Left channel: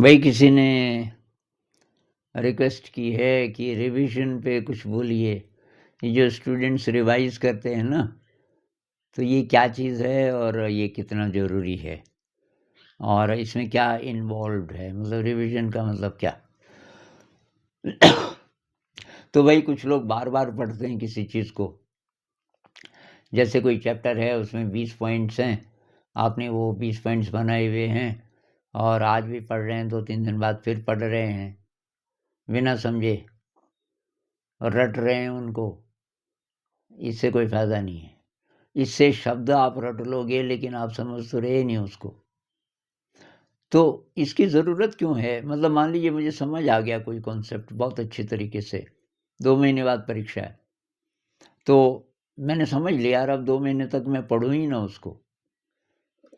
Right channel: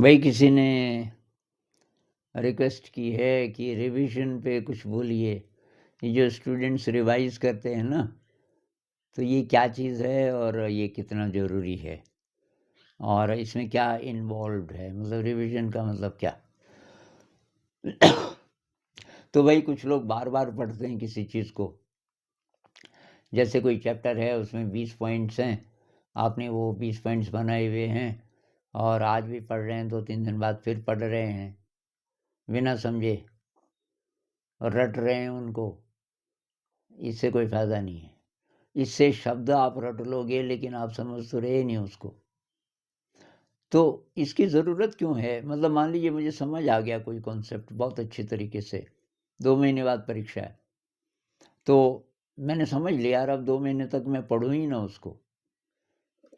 भाई किसी ने रिक्वेस्ट की है कि रिवीजन पे कुछ बोलिए। ये जो स्टूडेंट्स रिवाइज करते हैं ना, तो ये क्या चीज़ है और ये कितना ज़रूरी है और इसमें क्या इन्वॉल्व्ड है, मतलब रिवीजन का मतलब क्या। तो भाई कुछ लोग बार बार पढ़ते हैं किसी चीज़ को। जैसे कोई चैप्टर है, उसमें 20 पॉइंट्स हैं, आपने वो 20 पॉइंट्स बनाए हुए हैं और आज भी पढ़ रहे हैं, 2-3 दिन बाद फिर पढ़ रहे हैं बिना समझे और रट रहे हैं उनको। इससे कोई फ़ायदा नहीं है। इससे शब्द आप रट लोगे लेकिन आप समझ तो रहे नहीं उसको। तो इसकी ज़रूरत क्यों है? मतलब मान लीजिए मुझे समझ आ गया कोई कॉन्सेप्ट बहुत अच्छे तरीके से, 2 महीने बाद परीक्षा है, तो मैंने समझ लिया यार, अब 2 महीने तक मैं पढ़ूँ ही ना उसको।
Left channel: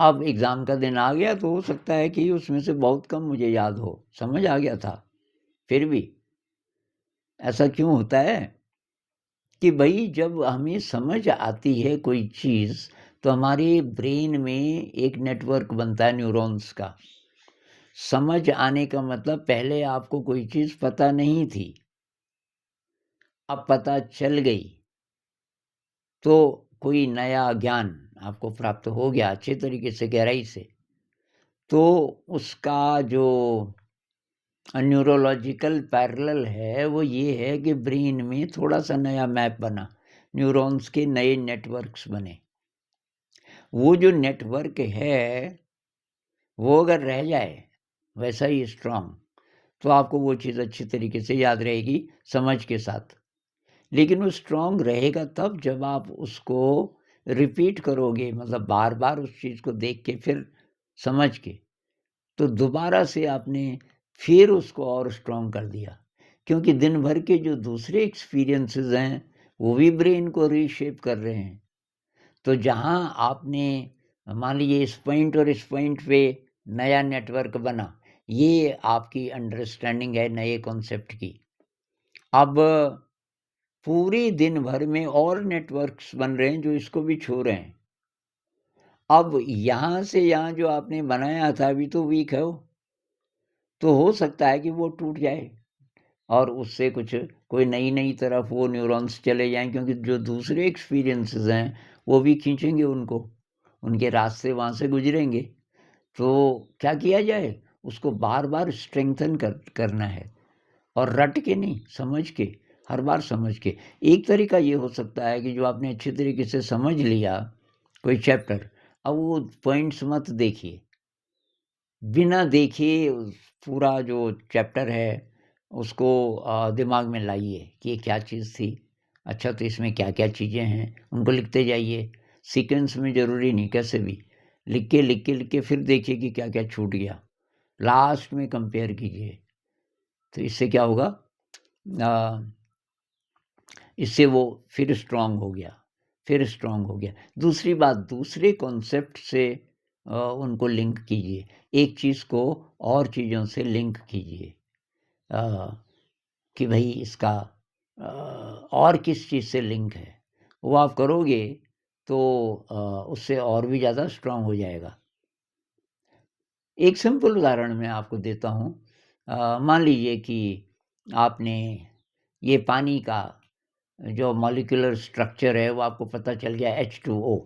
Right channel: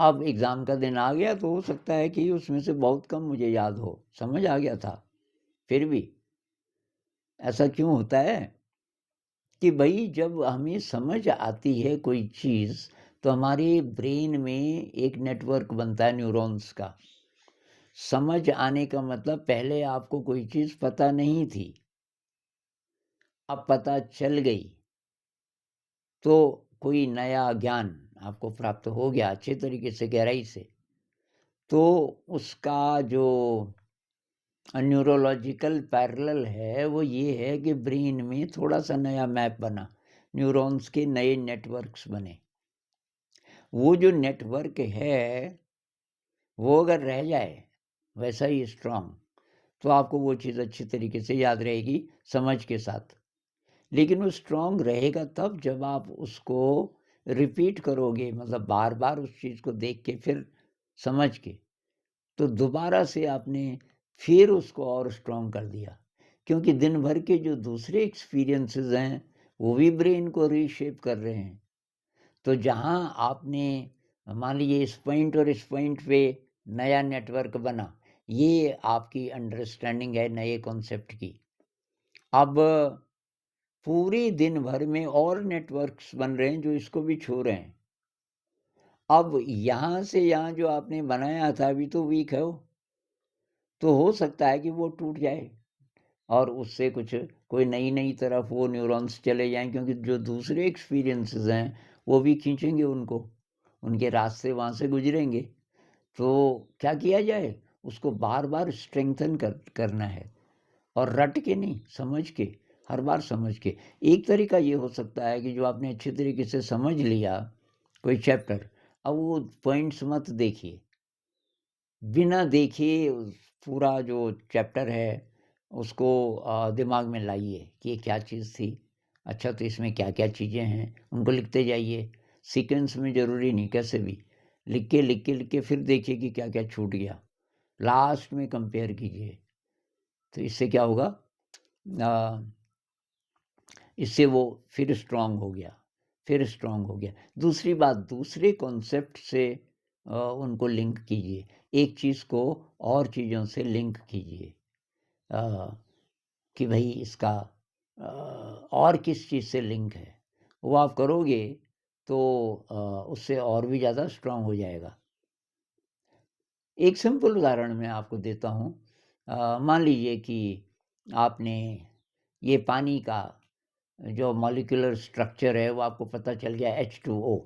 अब एग्ज़ाम का दिन आ गया तो हो सकता है कि उसमें से बहुत कम मुझे याद हो, समझ आ गया था। फिर भी ऐसा क्यों होता है कि भई जब हमें समझ आती है कोई चीज़, तो हमारे ब्रेन में एक नेटवर्क बनता है न्यूरॉन्स का। समझ आने का मतलब पहले आपको कोई चीज़ पता नहीं थी, अब पता चल गई, तो कोई नया ज्ञान आपको प्राप्त हो गया अच्छे तरीके से, गहराई से। तो उसका जो न्यूरोलॉजिकल पैरेलल है, वो ये है कि ब्रेन में थोड़ा-सा नया मैप बना, न्यूरॉन्स के नए नेटवर्क्स बने। वो जो नेटवर्क है, वो अगर रह जाए वैसा ही स्ट्रॉन्ग, तो आपको वो चीज़ अच्छी तरीके से याद रहेगी समझ के साथ। लेकिन वो स्ट्रॉन्ग रहेगा तब जब आप उसको रिपीट करोगे, मतलब बार-बार उस चीज़ को देख के फिर समझ के, तो दोबारा से आपने फिर उसको और स्ट्रॉन्ग कर दिया। क्योंकि दिन भर के जो दूसरे एक्सपीरियंसेस हैं, वो भी ब्रेन को रीशेप कर रहे हैं। तो जहाँ आपने मान लीजिए इस पॉइंट और इस पॉइंट पे नया नेटवर्क बना, ये आपकी अंडरस्टैंडिंग है नए कॉन्सेप्ट की। अब पूरे दिन भर में और नेटवर्क्स बन रहे हैं जो इसको भी छू रहे हैं। अब यहाँ से यहाँ जो आपने बनाया था अभी तो वीक है वो, तो हो सकता है कि वो टूट जाए और उससे कुछ कोई नई-नई तरफ वो न्यूरॉन्स चले जाएँ, क्योंकि जो दूसरे एक्सपीरियंसेस हैं, वो भी खींचेंगे उनको, उनके रास्ते वहाँ से गुज़रेंगे। तो क्या किया जाए? उसको बार-बार स्ट्रेंथन करना है और रट के नहीं, समझ के, हर बार समझ के। एक तरीका ये हो सकता है कि जो आपने अच्छे तरीके से समझ लिया कोई चैप्टर, अब वो पॉइंट्स मत देखिए। बिना देखे पूरा जो चैप्टर है उसको दिमाग में लाइए कि ये क्या चीज़ थी। अच्छा, तो इसमें क्या-क्या चीज़ें हैं, उनको लिखते जाइए। सीक्वेंस में ज़रूरी नहीं, कैसे भी। लिख के फिर देखिए कि क्या-क्या छूट गया। लास्ट में कंपेयर कीजिए। तो इससे क्या होगा, अ, इससे वो फिर स्ट्रॉन्ग हो गया, फिर स्ट्रॉन्ग हो गया। दूसरी बात, दूसरे कॉन्सेप्ट से उनको लिंक कीजिए। एक चीज़ को और चीज़ों से लिंक कीजिए, अ, कि भई इसका अ, और किस चीज़ से लिंक है। वो आप करोगे तो अ, उससे और भी ज़्यादा स्ट्रॉन्ग हो जाएगा। एक सिंपल उदाहरण मैं आपको देता हूँ। मान लीजिए कि आपने ये पानी का जो मॉलिक्यूलर स्ट्रक्चर है वो आपको पता चल गया, H2O।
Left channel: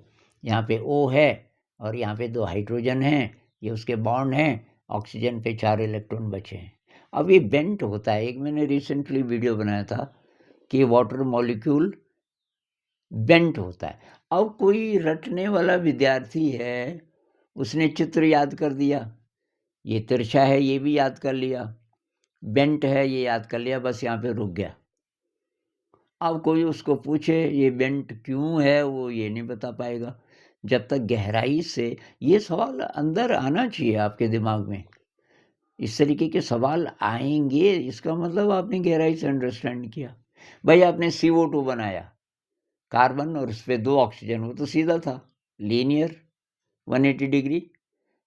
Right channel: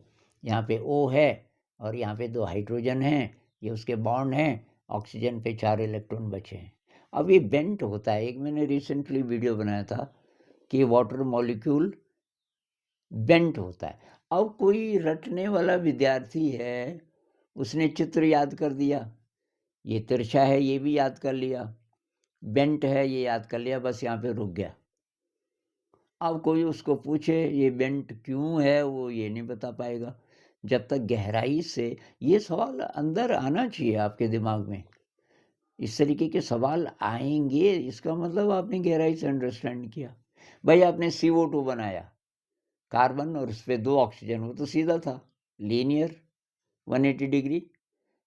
यहाँ पे O है और यहाँ पे 2 हाइड्रोजन हैं, ये उसके बॉन्ड हैं, ऑक्सीजन पे 4 इलेक्ट्रॉन बचे हैं। अब ये बेंट होता है, एक मैंने रिसेंटली वीडियो बनाया था कि वाटर मॉलिक्यूल बेंट होता है। अब कोई रटने वाला विद्यार्थी है, उसने चित्र याद कर दिया, ये तिरछा है ये भी याद कर लिया, बेंट है ये याद कर लिया, बस यहाँ पे रुक गया। अब कोई उसको पूछे ये बेंट क्यों है, वो ये नहीं बता पाएगा। जब तक गहराई से ये सवाल अंदर आना चाहिए आपके दिमाग में। इस तरीके के सवाल आएँगे, इसका मतलब आपने गहराई से अंडरस्टैंड किया। भाई आपने CO2 बनाया, कार्बन और उसपे 2 ऑक्सीजन, वो तो सीधा था, लीनियर 180 डिग्री,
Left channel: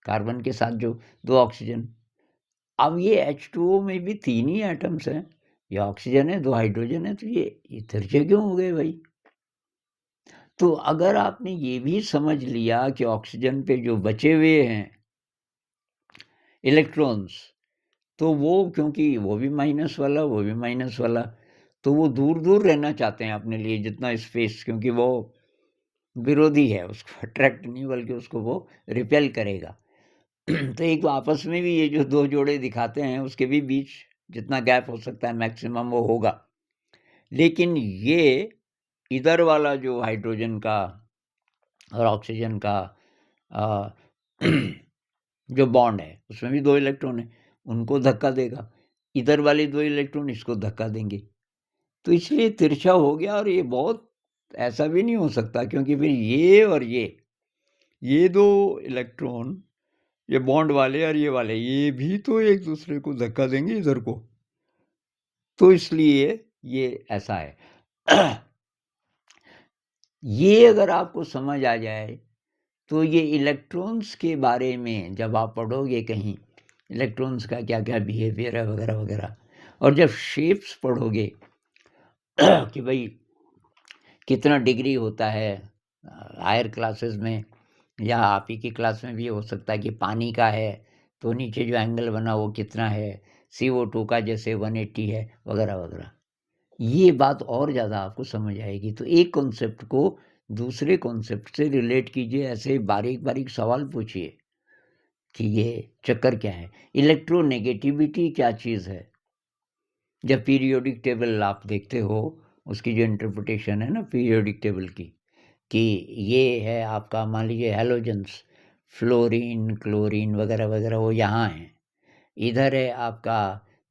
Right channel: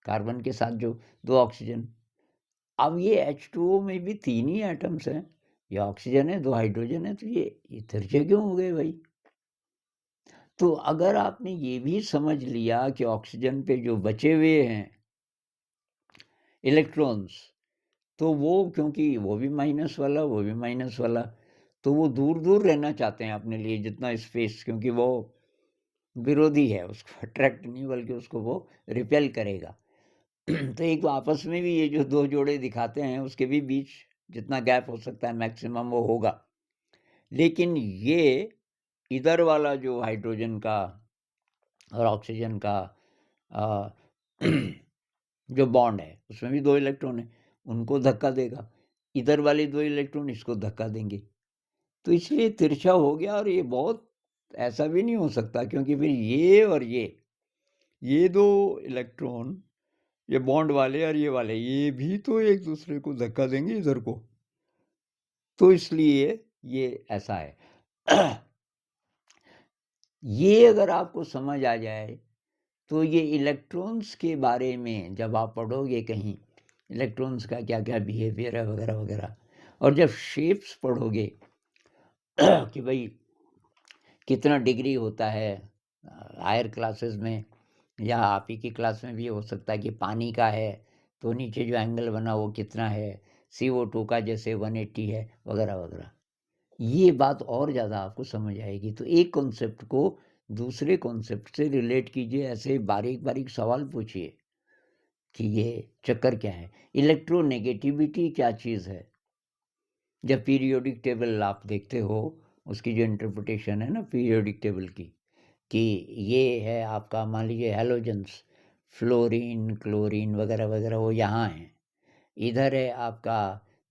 कार्बन के साथ जो 2 ऑक्सीजन। अब ये H2O में भी 3 ही एटम्स हैं, ये ऑक्सीजन है, 2 हाइड्रोजन है, तो ये तिरछे क्यों हो गए भाई? तो अगर आपने ये भी समझ लिया कि ऑक्सीजन पे जो बचे हुए हैं इलेक्ट्रॉन्स, तो वो क्योंकि वो भी माइनस वाला, वो भी माइनस वाला, तो वो दूर-दूर रहना चाहते हैं अपने लिए जितना स्पेस, क्योंकि वो विरोधी है, उसको अट्रैक्ट नहीं बल्कि उसको वो रिपेल करेगा। तो एक आपस में भी ये जो 2 जोड़े दिखाते हैं उसके भी बीच जितना गैप हो सकता है मैक्सिमम वो होगा। लेकिन ये इधर वाला जो हाइड्रोजन का और ऑक्सीजन का अ, जो बॉन्ड है उसमें भी 2 इलेक्ट्रॉन है, उनको धक्का देगा। इधर वाले 2 इलेक्ट्रॉन इसको धक्का देंगे। तो इसलिए तिरछा हो गया, और ये बहुत ऐसा भी नहीं हो सकता क्योंकि फिर ये और ये 2 इलेक्ट्रॉन, ये बॉन्ड वाले और ये वाले, ये भी तो एक दूसरे को धक्का देंगे इधर को। तो इसलिए ये ऐसा है। ये अगर आपको समझ आ जाए तो ये इलेक्ट्रॉन्स के बारे में जब आप पढ़ोगे कहीं, इलेक्ट्रॉन्स का क्या-क्या बिहेवियर है वगैरह-वगैरह, और जब शेप्स पढ़ोगे कि भई कितना डिग्री होता है हायर क्लासेस में, या आप ही की क्लास में भी हो सकता है कि पानी का है, तो नीचे जो एंगल बना वो कितना है, CO2 का जैसे 180 है वगैरह-वगैरह। ये बात और ज़्यादा आपको समझ आएगी। तो एक कॉन्सेप्ट को दूसरे कॉन्सेप्ट से रिलेट कीजिए, ऐसे बारीक-बारीक सवाल पूछिए कि ये चक्कर क्या है? इलेक्ट्रोनेगेटिविटी क्या चीज़ है? जब पीरियोडिक टेबल आप देखते हो, उसकी जो इंटरप्रिटेशन है ना पीरियोडिक टेबल की, कि ये है आपका मान लीजिए हैलोजेंस, फ्लोरीन, क्लोरीन वगैरह-वगैरह वो यहाँ हैं। इधर है आपका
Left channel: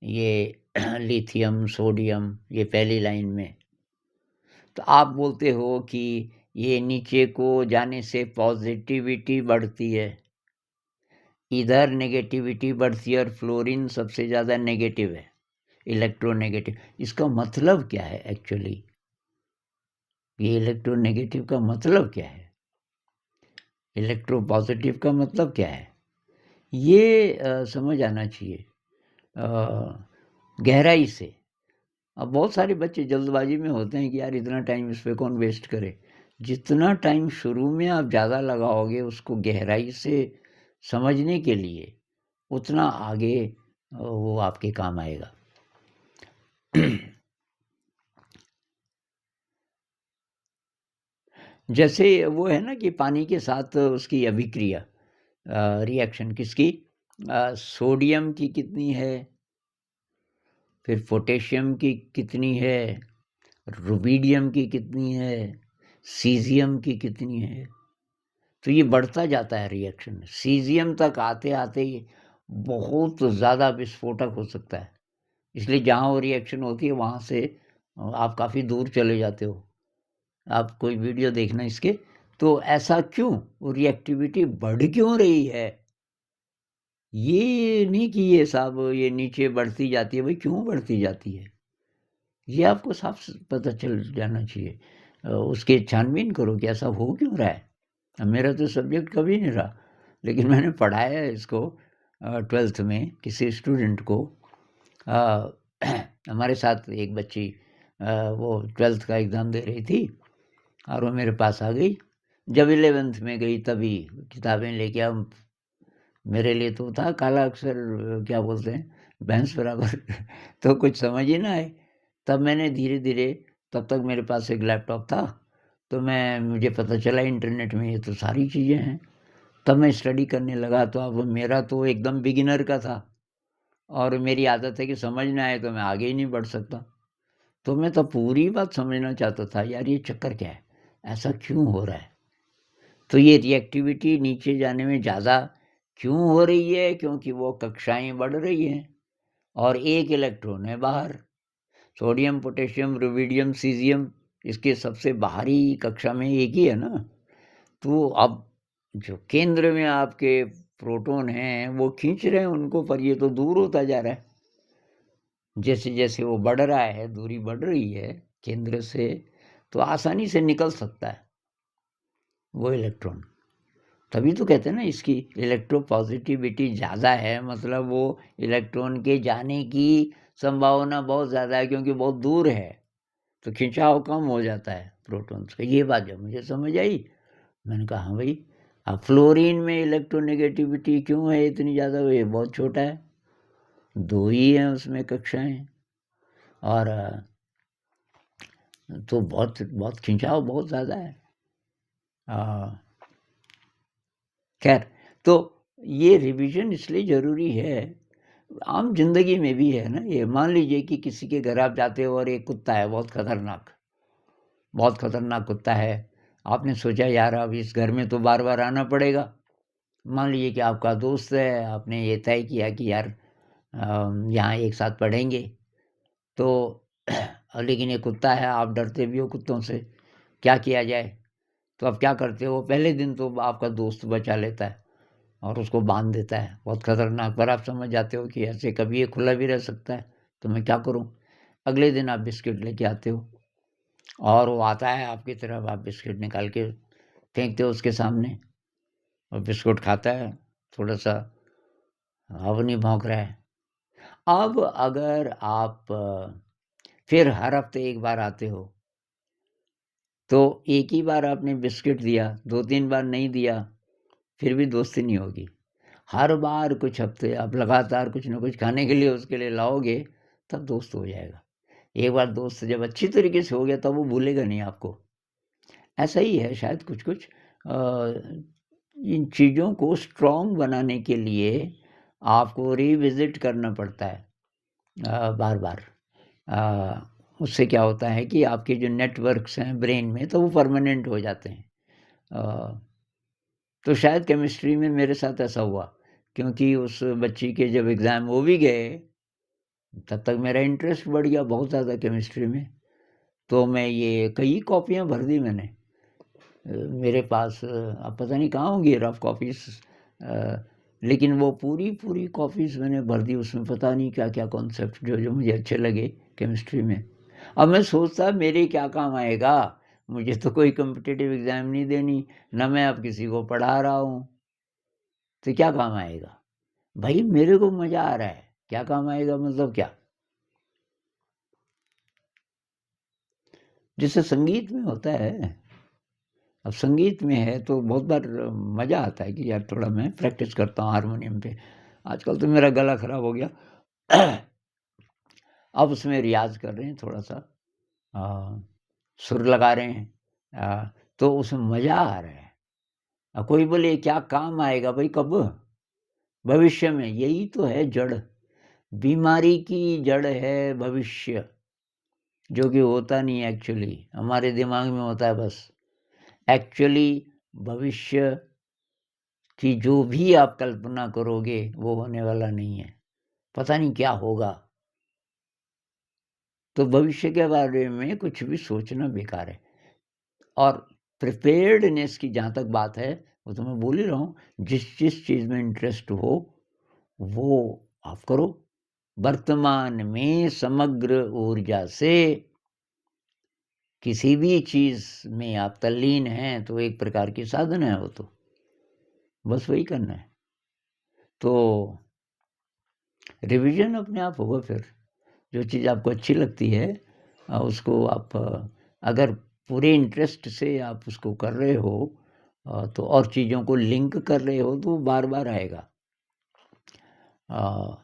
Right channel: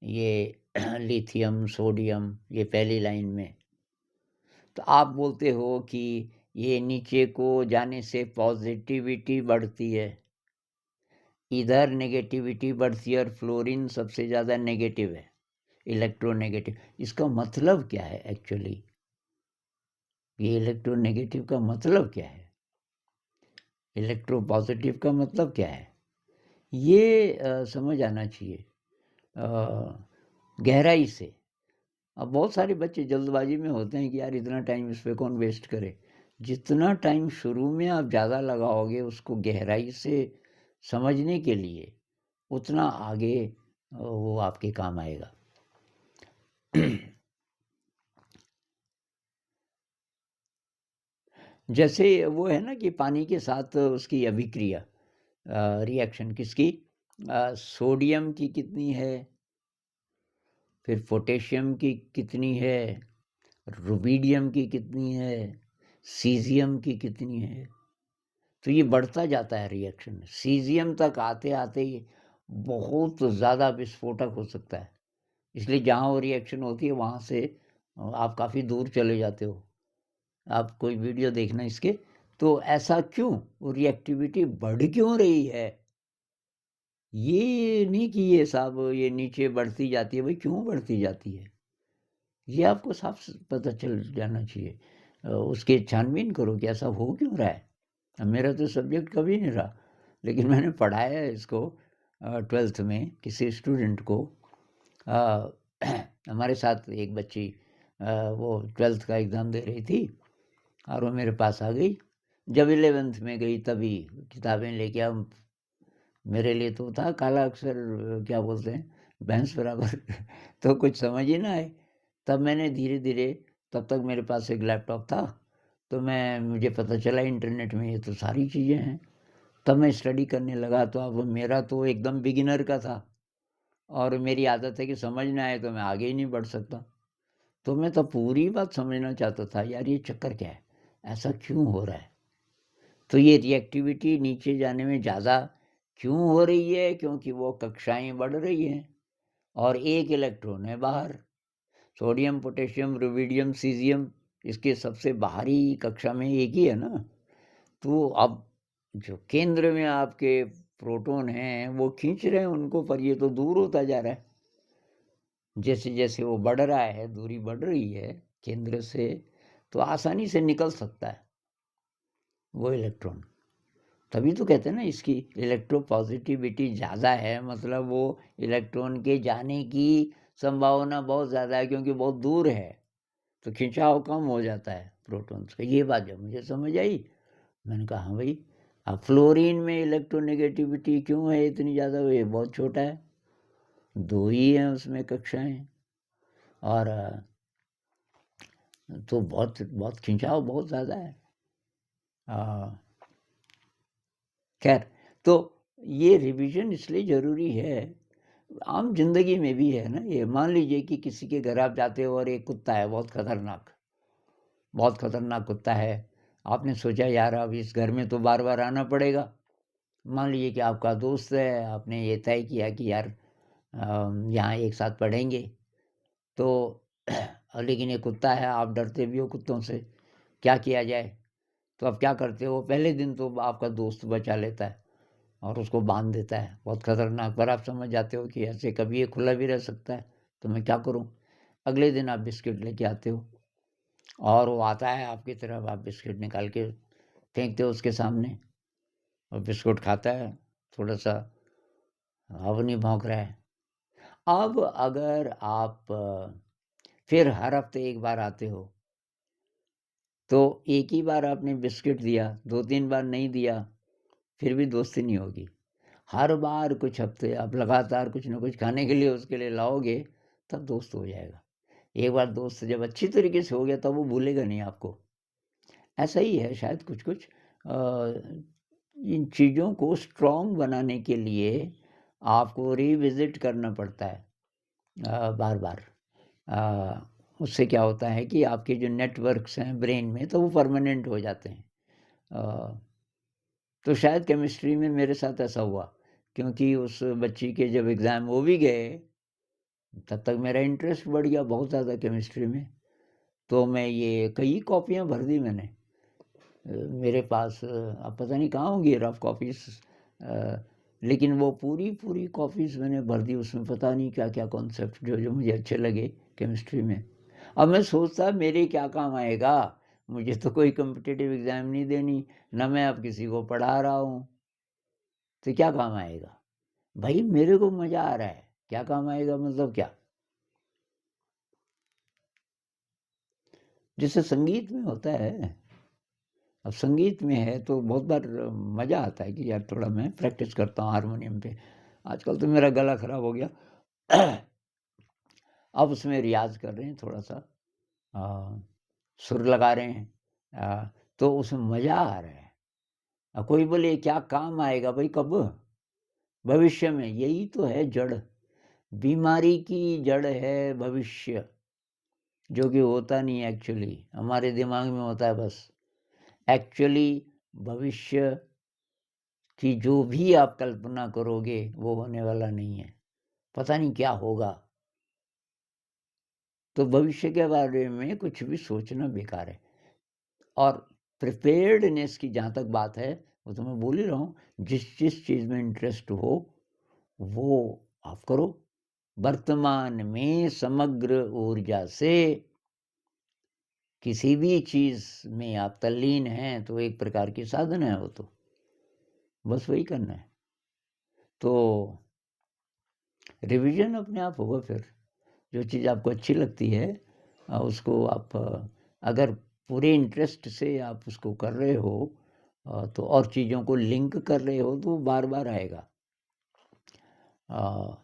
ये लिथियम, सोडियम, ये पहली लाइन में। तो आप बोलते हो कि ये नीचे को जाने से पॉजिटिविटी बढ़ती है, इधर नेगेटिविटी बढ़ती है, और फ्लोरीन सबसे ज़्यादा नेगेटिव है, इलेक्ट्रोनेगेटिव। इसका मतलब क्या है एक्चुअली? ये इलेक्ट्रोनेगेटिव का मतलब क्या है? इलेक्ट्रोपॉजिटिव का मतलब क्या है? ये समझ आना चाहिए गहराई से। अब बहुत सारे बच्चे जल्दबाजी में होते हैं कि यार इतना टाइम इस पे कौन वेस्ट करे। जितना टाइम शुरू में आप ज़्यादा लगाओगे उसको गहराई से समझने के लिए, उतना आगे वो आपके काम आएगा। जैसे वो है ना कि पानी के साथ उसकी अभिक्रिया, रिएक्शन किसकी, सोडियम की कितनी है, फिर पोटेशियम की कितनी है, रुबिडियम की कितनी है, सीज़ियम की कितनी है। तो ये बढ़ता जाता है रिएक्शन, सीज़ियम तक आते-आते ही बहुत ज़्यादा विस्फोटक हो सकता है। इसलिए जहाँ वो रिएक्शन होती है वहाँ से आप काफ़ी दूर चले जाते हो। आप कोई वीडियो देखना इसके, तो ऐसा क्यों? वो रिएक्टिविटी बढ़ क्यों रही है? ये नहीं कि ये साहब ये नीचे बढ़ती जाती है, भाई क्यों बढ़ती जाती है? ये आपको साफ पता चल जाना चाहिए। उसकी छानबीन करो कि ऐसा हो क्यों रहा है। अब मेरा तो सब्जेक्ट कभी नहीं रहा, लेकिन मैंने पढ़ाया है इसको 12th में किसी स्टूडेंट को। अ, हमारे साथ एक बच्ची वो 12th का एग्ज़ाम दे रही थी और वो मेरे पास आ गई। जब 11th में गई तभी किताबें लेके, अब मेरे लिए तो था काला अक्षर, क्या बोलते हैं, भैंस बराबर। तो कुछ समझ ही ना आए। तब मैंने धीरे-धीरे, तब तक मेरे पास एक लैपटॉप था, तो मुझे पता चला इंटरनेट में ये तो सारी चीज़ें हैं। तब मैं स्टडी करने लगा, तो अब मेरा तो एकदम बिगिनर का था, और मेरी आदत है कि समझ ना आए तो मैं आगे ही नहीं बढ़ सकता। तो मैं तो पूरी बात समझना चाहता था, यार ये चक्कर क्या है? ऐसा क्यों हो रहा है? तो ये रिएक्टिविटी नीचे जाने में ज़्यादा क्यों हो रही है? क्योंकि वो कक्षाएँ बढ़ रही हैं और एक इलेक्ट्रॉन है बाहर। सोडियम, पोटेशियम, रुबिडियम, सीज़ियम, इसके सबसे बाहरी कक्षा में एक ही है ना। तो अब जो केंद्र में आपके प्रोटॉन हैं, वो खींच रहे हैं उनको, पर ये तो दूर होता जा रहा है। जैसे-जैसे वो बढ़ रहा है, दूरी बढ़ रही है केंद्र से, तो आसानी से निकल सकता है वो इलेक्ट्रॉन। तभी तो कहते हैं ना इसकी इलेक्ट्रोपॉजिटिविटी ज़्यादा है, मतलब वो इलेक्ट्रॉन के जाने की संभावना बहुत ज़्यादा है क्योंकि बहुत दूर है, तो खिंचाव कम हो जाता है प्रोटॉन्स का। ये बात जब मुझे समझ आई, मैंने कहा हाँ भाई, अब फ्लोरीन में इलेक्ट्रोनेगेटिविटी क्यों है इतनी ज़्यादा? ये बहुत छोटा है। 2 ही हैं उसमें कक्षाएँ और तो बहुत बहुत खिंचाव बहुत ज़्यादा है। खैर, तो ये रिवीजन इसलिए ज़रूरी है, आम ज़िंदगी में भी है ना ये। मान लीजिए कि किसी के घर आप जाते हो और एक कुत्ता है बहुत खतरनाक कुत्ता है। आपने सोचा यार अब इस घर में तो बार-बार आना पड़ेगा। मान लीजिए कि आपका दोस्त है, आपने ये तय किया कि यार यहाँ एक साथ पढ़ेंगे, तो लेकिन ये कुत्ता है, आप डरते भी हो कुत्तों से, क्या किया जाए? तो आप क्या करते हो? पहले दिन तो आपका दोस्त बचा लेता है और उसको बाँध देता है, बहुत खतरनाक, पर आप समझ जाते हो कि ऐसे कभी ये खुला भी रह सकता है, तो मैं क्या करूँ? अगले दिन आप बिस्किट लेके आते हो और वो आता है आपकी तरफ, आप बिस्किट निकाल के फेंकते हो उसके सामने और बिस्कुट खाता है, थोड़ा-सा अब नहीं भौंक रहा है। अब अगर आप फिर हर हफ्ते 1 बार आते हो, तो एक ही बार आपने बिस्किट दिया, 2-3 बार नहीं दिया, फिर भी दोस्ती नहीं होगी। हर बार कुछ हफ्ते आप लगातार कुछ न कुछ खाने के लिए उसके लिए लाओगे, तब दोस्त हो जाएगा। एक बार दोस्त जब अच्छी तरीके से हो गया, तब वो भूलेगा नहीं आपको। ऐसा ही है शायद कुछ-कुछ इन चीज़ों को स्ट्रॉन्ग बनाने के लिए आपको रिविज़िट करना पड़ता है बार-बार। उससे क्या होता है कि आपके जो नेटवर्क्स हैं ब्रेन में, तो वो परमानेंट हो जाते हैं। अ, तो शायद केमिस्ट्री में मेरे साथ ऐसा हुआ, क्योंकि उस बच्ची के जब एग्ज़ाम हो भी गए, तब तक मेरा इंटरेस्ट बढ़ गया बहुत ज़्यादा केमिस्ट्री में। तो मैं ये कई कॉपियाँ भर दी मैंने। मेरे पास अब पता नहीं कहाँ होंगी रफ़ कॉपीज़, लेकिन वो पूरी कॉपीज़ मैंने भर दी, उसमें पता नहीं क्या-क्या कॉन्सेप्ट जो-जो मुझे अच्छे लगे केमिस्ट्री में। अब मैं सोचता मेरे क्या काम आएगा? मुझे तो कोई कॉम्पिटिटिव एग्ज़ाम नहीं देनी, ना मैं अब किसी को पढ़ा रहा हूँ, तो क्या काम आएगा? भई मेरे को मज़ा आ रहा है, क्या काम आएगा मतलब क्या? जैसे संगीत में होता है, अब संगीत में है तो बहुत बार मज़ा आता है कि यार थोड़ा मैं प्रैक्टिस करता हूँ हारमोनियम पे। आजकल तो मेरा गला ख़राब हो गया। अब उसमें रियाज़ कर रहे हैं थोड़ा-सा, अ, सुर लगा रहे हैं, तो उसमें मज़ा आ रहा है। कोई बोले क्या काम आएगा भई कब? भविष्य में, यही तो है जड़। बीमारी की जड़ है भविष्य, जो कि होता नहीं है एक्चुअली, हमारे दिमाग में होता है बस। एक्चुअली भविष्य कि जो भी आप कल्पना करोगे वो होने वाला नहीं है, पता नहीं क्या होगा। तो भविष्य के बारे में कुछ भी सोचना बेकार है। और प्रिपेयर्डनेस की जहाँ तक बात है, वो तो मैं बोल ही रहा हूँ, जिस चीज़ में इंटरेस्ट हो, वो आप करो। वर्तमान में समग्र ऊर्जा से किसी भी चीज़ में आप तल्लीन हैं, तो एक प्रकार की साधना है वो तो, बस वही करना है। तो रिवीजन अपने आप होगा फिर। जो चीज़ आपको अच्छी लगती है, उसको आप अगर पूरे इंटरेस्ट से आप उसको कर रहे हो, तो और चीज़ों को लिंक कर रहे हो, तो बार-बार आएगा। अ,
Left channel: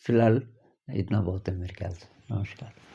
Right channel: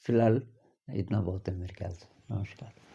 फ़िलहाल इतना बहुत है मेरे ख़्याल से। नमस्कार।